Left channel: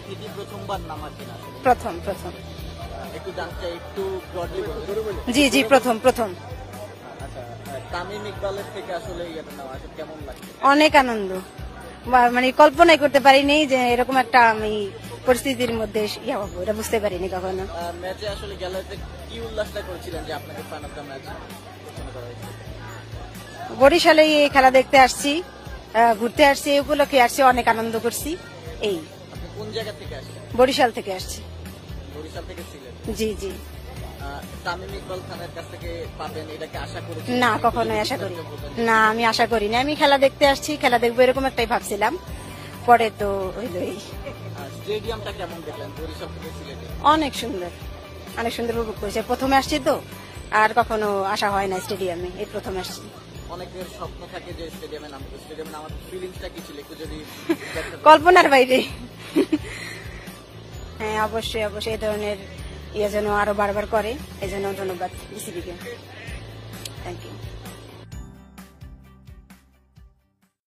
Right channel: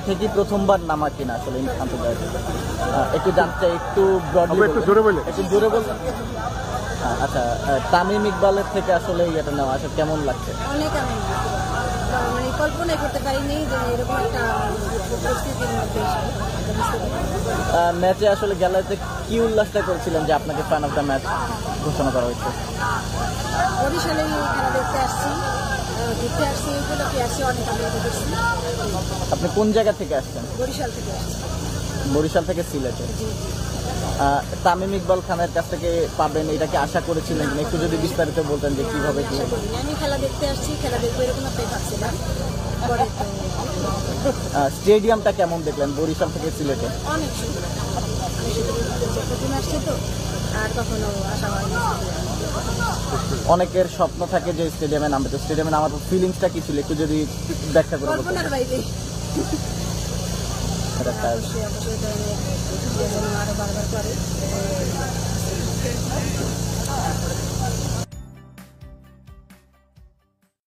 মাঠে কি প্রথমবার নামা কিনা আসলে একটু জানতে একটু জি জি প্রথম প্রথম। আচ্ছা, তামিম ইকবালের থেকে আসলে এটা নেওয়া আসলে কেমন লাগছে? অনেক আনন্দ, মানে কল্পনাই করতে পারিনি যে এরকম একটা আমি পরিস্থিতির মধ্যে বুঝতে পারিনি। ম্যাচে আসলে গ্যালারিতে কি উল্লাসটা করেছিলেন যে আপনাকে ফ্যান অফ দ্য ম্যাচ ঘোষণা করা হয়েছে? বরিশালে এই খেলা দেখতে আসছি, ঘুরতে আসছি, এই উপলক্ষে আসছি, অনেক আনন্দ করছি। এই আপনি কোন জায়গা থেকে আসছেন? বরিশাল থেকে আসছি। বরিশাল থেকে সিলেটে? জি জি। তামিম ইকবাল খানের কাছ থেকে পাবেন এটা কি আশা করেছিলেন? না, কখনোই বিস্তারিত বলতেন না, আমি আশা করিনি। আমি খেলা দেখতে আসছি, খেলা দেখবো এরকম একটাই ভাবছিলাম। পরে তো স্টেডিয়ামটা কেমন দেখলেন বরিশাল থেকে সিলেটে? অনেক সুন্দর, অনেক সুন্দর উপভোগ করেছে। প্রথমে আসছি তো, আর কখনো আসা হয় না স্টেডিয়ামে, প্রথমে আসছি। অনেকের স্বপ্ন থাকে যে স্টেডিয়ামে নামবে, তো স্টেডিয়ামে নামার ফিলিংসটা কি ছিল একটু যদি ব্যাখ্যা করেন? কল্পনার বাইরে। হ্যাঁ, অবশ্যই অবশ্যই এই ধরনের যেন আরো বারবার করে, এই জন্য ধন্যবাদ।